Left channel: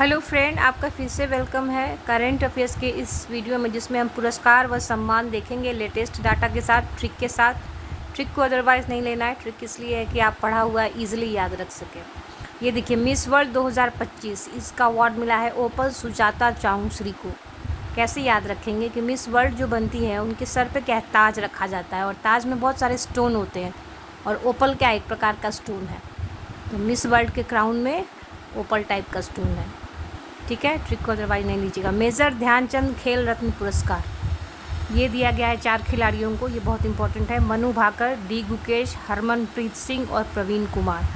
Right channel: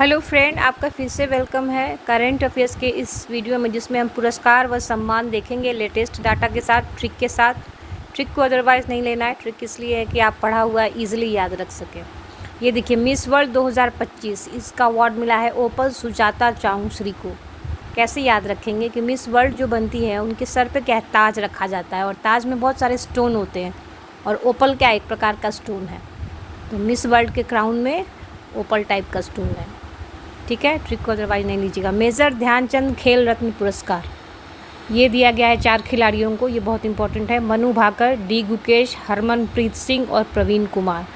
Hello friend, आपका फिर से वेलकम है करंट अफेयर्स के इस वीडियो में, जिसमें हम पुरस्कार व सम्मान देखेंगे लेटेस्ट डाटा के साथ, ट्रिक के साथ। ट्रिक को अदरवाइज़ नहीं लेना है। ट्रिक इसलिए है कि आप पढ़ा हुआ ईजिली याद रख सकें। ये देखिए, मिस वर्ल्ड 2025 इसका अवार्ड मिला है ओपल सुजाता चांगश्री को। कैसे याद रखेंगे कि मिस वर्ल्ड जो बनती है उनके सर पे क्या है, ताज रखा जाता है और ताज में बहुत सारे स्टोन होते हैं और ओपल क्या एक प्रकार का स्टोन है। तो मिस वर्ल्ड के क्राउन में ओपल टाइप का स्टोन है। ठीक है, ट्रिक को अदरवाइज नहीं लीजिएगा। मेजर ध्यानचंद खेल रत्न पुरस्कार ये दिया गया है 4 खिलाड़ियों को। ये बहुत इंपॉर्टेंट है। मनु भाकर, डी गुकेश, हरमनप्रीत सिंह और प्रवीण कुमार।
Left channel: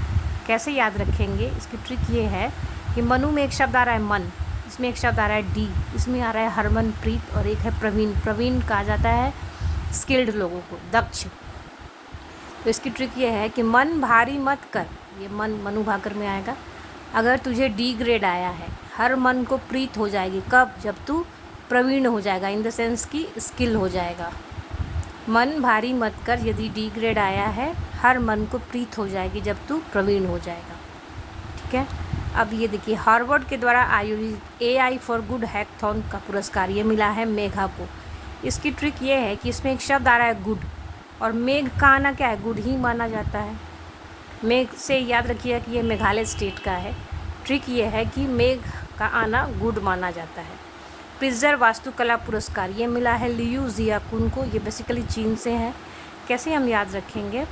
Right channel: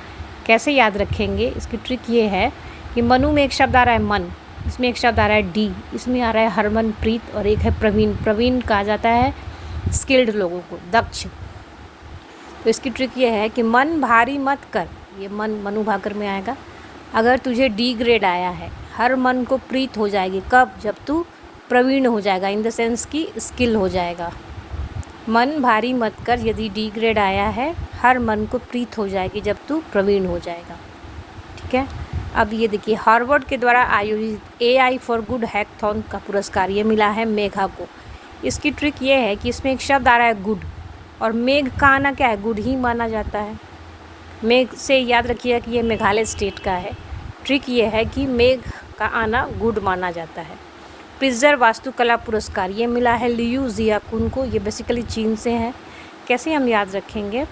कैसे याद रखेंगे, इसकी ट्रिक ये है कि मनु में एक शब्द आ रहा है मन, इसमें एक शब्द आ रहा है डी, इसमें आ रहा है हरमनप्रीत और एक है प्रवीण। प्रवीण कहा जाता है स्किल्ड लोगों को, दक्ष। तो इसकी ट्रिक ये है कि मन भारी मत कर, ये मन मनु भाकर में आएगा। अगर तुझे डी ग्रेड आया है, हर मन को प्रीत हो जाएगी। कब? जब तू प्रवीण हो जाएगा, इन द सेंस की स्किल हो जाएगा। मन भारी मत कर यदि डी ग्रेड आया है, हर मन को प्रीत हो जाएगी जब तू प्रवीण हो जाएगा। ठीक है। अब ये देखिए, हार्वर्ड के द्वारा आयोजित AI फॉर गुड हैकथॉन का पुरस्कार ये मिला है मेघा को। इसकी ट्रिक ये है कि इसमें एक शब्द आ रहा है गुड, और मेघ का आना क्या है, गुड ही माना जाता है। मेघ से याद रखिएगा कि ये मेघालय स्टेट का है। ट्रिक ये है कि मेघ का आना गुड माना जाता है। प्रिट्जर वास्तुकला पुरस्कार ये मिला है लियू जियाकुन को। ये बेसिकली चीन से है। कैसे हम याद रखेंगे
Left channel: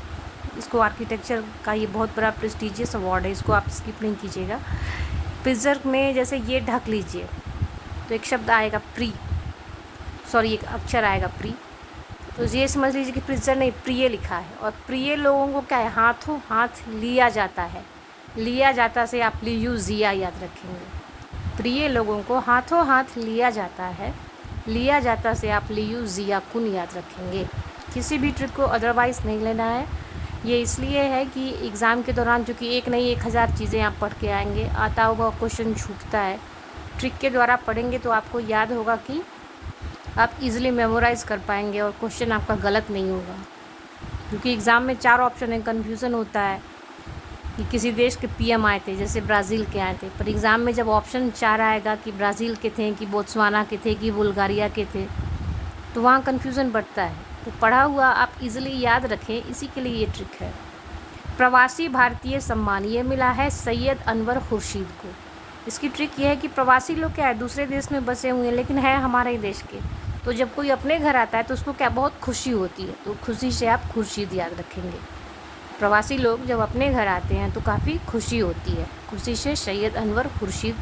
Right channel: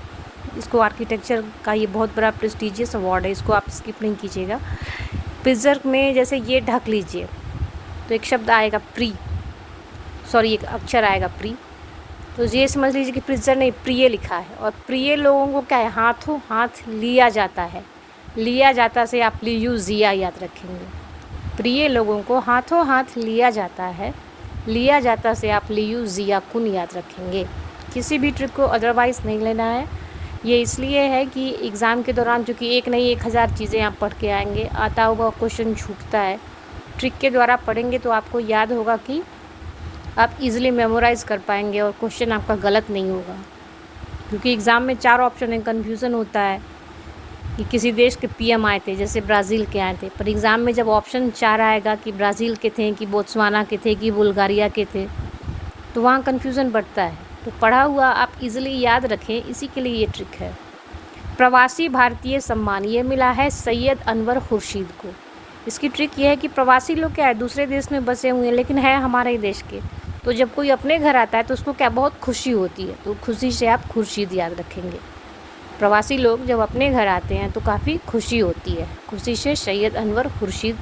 इसको, आर्किटेक्चर का ये बहुत बड़ा प्रेस्टिजियस अवार्ड है, इसको आप स्किप नहीं कीजिएगा। प्रिट्जर में जैसे ये ढक लीजिए तो एक शब्द आएगा एक अक्षर आएगा प्री, तो ये समझ लीजिए कि प्रिट्जर ने प्रिय लिखा है। और प्रिय लोगों को क्या है, हाथों हाथ लिया जाता है। लिया जाता से आप लियू जिया याद रखेंगे। प्रिय लोगों को हाथों हाथ लिया जाता है, लिया जाता से आप लियू जिया कुन याद रखेंगे। किसी भी ट्रिक को अदरवाइज़ नहीं लेना है। ये इसलिए है कि एग्ज़ाम के दौरान जो कि एक नहीं 1000 चीज़ें आप पढ़ के आएंगे, आता हुआ क्वेश्चन छूटता है। ट्रिक के द्वारा पढ़ेंगे तो आपको याद होगा कि आप इजीली मेमोराइज़ कर पाएंगे और क्वेश्चन आपका गलत नहीं होगा। क्योंकि एग्ज़ाम में 4 ऑप्शन है, कन्फ्यूज़न होता है कि किसी देश के PM आए थे, जैसे ब्राज़ील के आए थे, पर एग्ज़ाम में जब ऑप्शन 4 आएगा कि ब्राज़ील के थे कि बोत्सवाना के थे कि बुल्गारिया के थे, तो वहाँ कन्फ्यूज़न बढ़ता है। तो पढ़ा हुआ आप इजीली याद रखें, इसी के लिए ये ट्रिक है। प्रवासी भारतीय सम्मान ये मिला है सैयद अनवर खुर्शीद को। इसकी ट्रिक ये है कि प्रवासी लोग क्या है, दूसरे देश में बसे हुए हैं लेकिन है हमारे ही देश के, तो जब कोई अपने घर आता है तो उसको क्या बहुत खुशी होती है, तो खुशी से आप खुर्शीद याद रखेंगे। प्रवासी लोग जब अपने घर आते हैं तो काफ़ी खुशी होती है, खुशी से सैयद अनवर खुर्शीद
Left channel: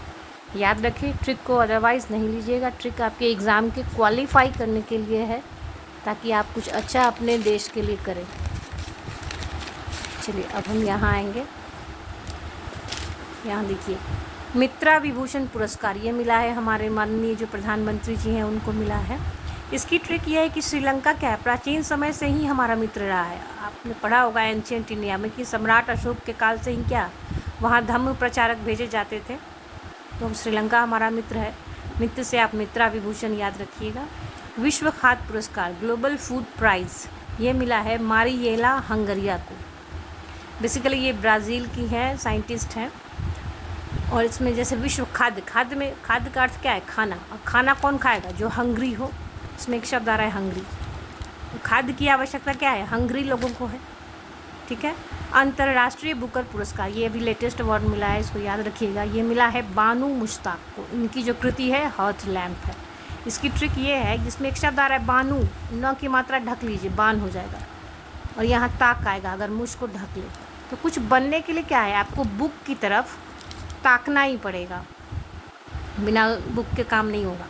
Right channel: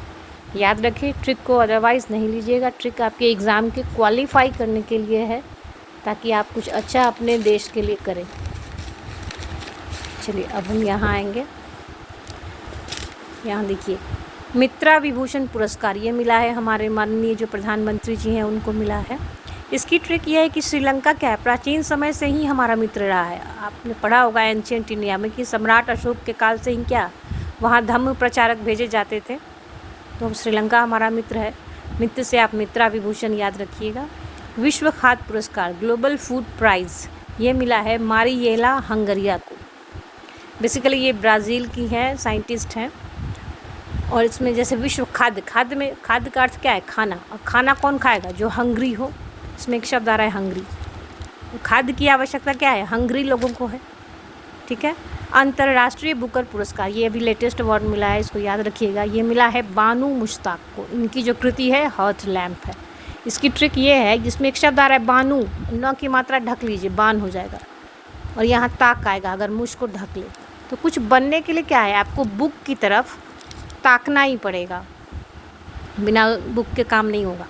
याद रखें। ट्रिक को अदरवाइज़ नहीं लीजिएगा। ट्रिक आपके एग्ज़ाम के क्वालिफाई करने के लिए है, ताकि आप कुछ अच्छा अपने देश के लिए करें। चलिए अब हम यहाँ आएंगे। यहाँ देखिए, मित्रा विभूषण पुरस्कार ये मिला है हमारे माननीय जो प्रधानमंत्री जी हैं उनको मिला है। इसकी ट्रिक ये है कि श्रीलंका क्या है, प्राचीन समय से ही हमारा मित्र रहा है। आपने पढ़ा होगा एंशिएंट इंडिया में कि सम्राट अशोक के काल से ही क्या वहाँ धम्म प्रचारक भेजे जाते थे। तो श्रीलंका हमारा मित्र है, मित्र से आप मित्रा विभूषण याद रखिएगा। विश्व खाद्य पुरस्कार ग्लोबल फूड प्राइज़ ये मिला है मारियेला हंगरिया को। बेसिकली ये ब्राज़ील की है, साइंटिस्ट हैं। और इसमें जैसे विश्व खाद्य में खाद्य का अर्थ क्या है, खाना। और खाना कौन खाएगा, जो हंग्री हो। इसमें एक शब्द आ रहा है हंग्री। तो खाद्य की आवश्यकता क्या है, हंग्री लोगों को है। ठीक है। अंतर्राष्ट्रीय बुकर पुरस्कार ये अभी लेटेस्ट अवार्ड मिला है, इसको याद रखिएगा। ये मिला है बानू मुश्ताक को। इनकी जो कृति है हर्थ लैम्प है। इसकी ट्रिक ये है, जिसमें एक शब्द आ रहा है बानू, न की मात्रा ढक लीजिए, बान हो जाएगा, और यहाँ ताक आएगा अगर मुझ को ढक ले। तो कुछ बनने के लिए क्या है, आपको बुक की तरफ ताकना ही पड़ेगा, बिना बुक के काम नहीं होगा।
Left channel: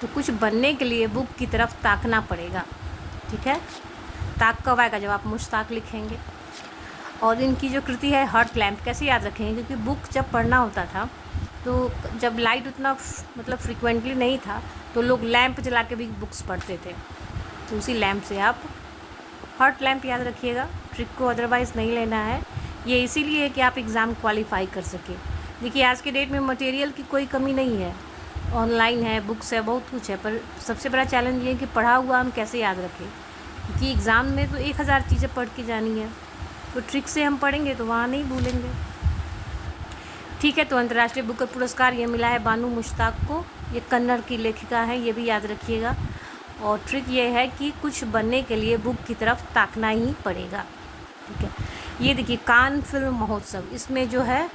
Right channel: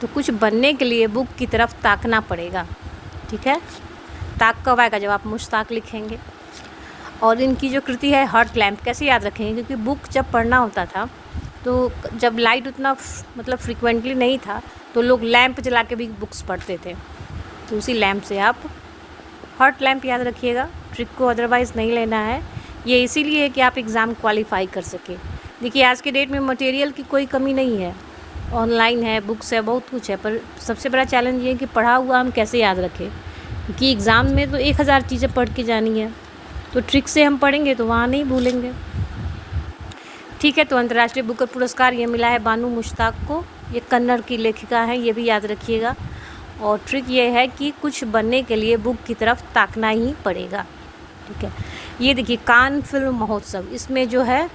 तो कुछ बनने के लिए बुक की तरफ ताकना पड़ेगा। ठीक है। ताक कब आएगा, जब आप मुश्ताक लिखेंगे। और इनकी जो कृति है हर्थ लैम्प कैसे याद रखेंगे, क्योंकि बुक जब पढ़ना होता था तो जब लाइट उतना फ्रिक्वेंटली नहीं था तो लोग लैंप जला के भी बुक्स पढ़ते थे, तो उसी लैंप से आप हर्थ लैम्प याद रखिएगा। ट्रिक को अदरवाइज़ नहीं लेना है। ये इसीलिए है कि आप एग्ज़ाम क्वालिफाई कर सकें। देखिए, आज के डेट में मटेरियल की कोई कमी नहीं है, ऑनलाइन है, बुक्स है, बहुत कुछ है, पर सबसे बड़ा चैलेंज ये है कि पढ़ा हुआ हम कैसे याद रखें, क्योंकि एग्ज़ाम में तो 1000 चीज़ें पढ़ के जानी है। तो ट्रिक से हम पढ़ेंगे तो वहाँ नहीं भूलेंगे। ठीक है, तो अंतर्राष्ट्रीय बुकर पुरस्कार ये मिला है बानू मुश्ताक को। ये कन्नड़ की लेखिका हैं, ये भी याद रखिएगा। और ट्रिक ये है कि कुछ बनने के लिए बुक की तरफ ताकना ही पड़ेगा। ठीक है, ये देखिए कान फिल्म महोत्सव, इसमें जो है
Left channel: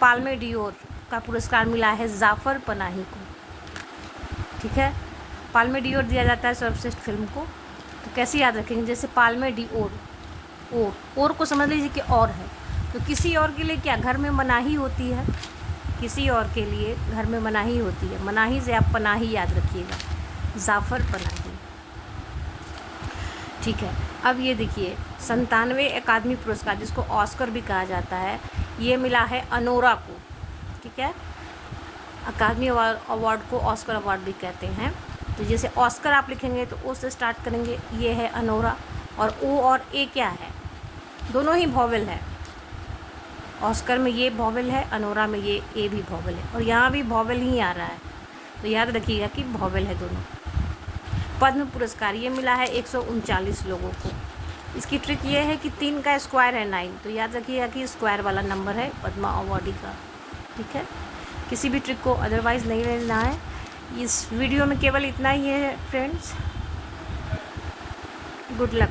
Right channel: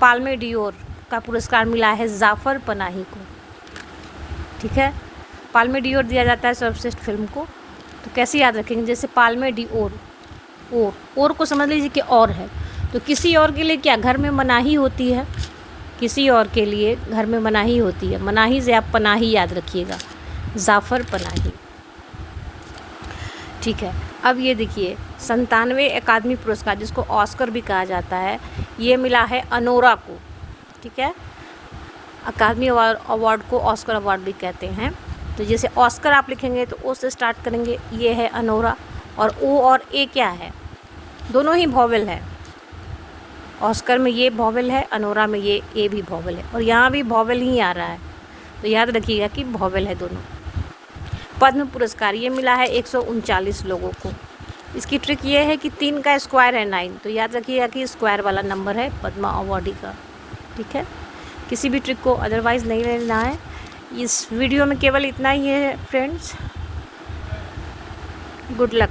पाल्मे डियोर का पुरस्कार मिला है जाफ़र पनाही को। ठीक है, पाल्मे डियोर दिया जाता है सर्वश्रेष्ठ फिल्म को। तो कैसे याद रखेंगे, जैसे पाल्मे डियोर, और को समझ लीजिए कि और है, तो किसी और के लिए क्या घर में मनाही होती है, किसी और के लिए घर में मनाही होती है, मनाही से आप पनाही याद रखिएगा, जाफ़र पनाही। ठीक है, अब ये देखिए 97वें अकादमी पुरस्कार, जिसको ऑस्कर भी कहा जाता है, ये मिला है अनोरा को। ठीक है, अकादमी अवार्ड को ऑस्कर अवार्ड भी कहते हैं। तो जैसे ऑस्कर आप लिखेंगे तो ओ से स्टार्ट करेंगे, ये है अनोरा, और ओ और ए क्या है, दोनों ही वॉवेल है। ऑस्कर में ये वॉवेल है, अनोरा में ये ए भी वॉवेल है, और यहाँ भी वॉवेल ही आ रहा है, तो याद रखिएगा कि वॉवेल है दोनों। पद्म पुरस्कार ये मिला है 139 लोगों को। इसकी ट्रिक ये है कि 3 का स्क्वायर है 9, तो याद रखिएगा कि स्क्वायर वाला नंबर है पद्मा अवार्डी का। ठीक है, किसी भी ट्रिक को अदरवाइज़ नहीं लेना है। इस वीडियो में केवल इतना ही है फ्रेंड्स। Good luck.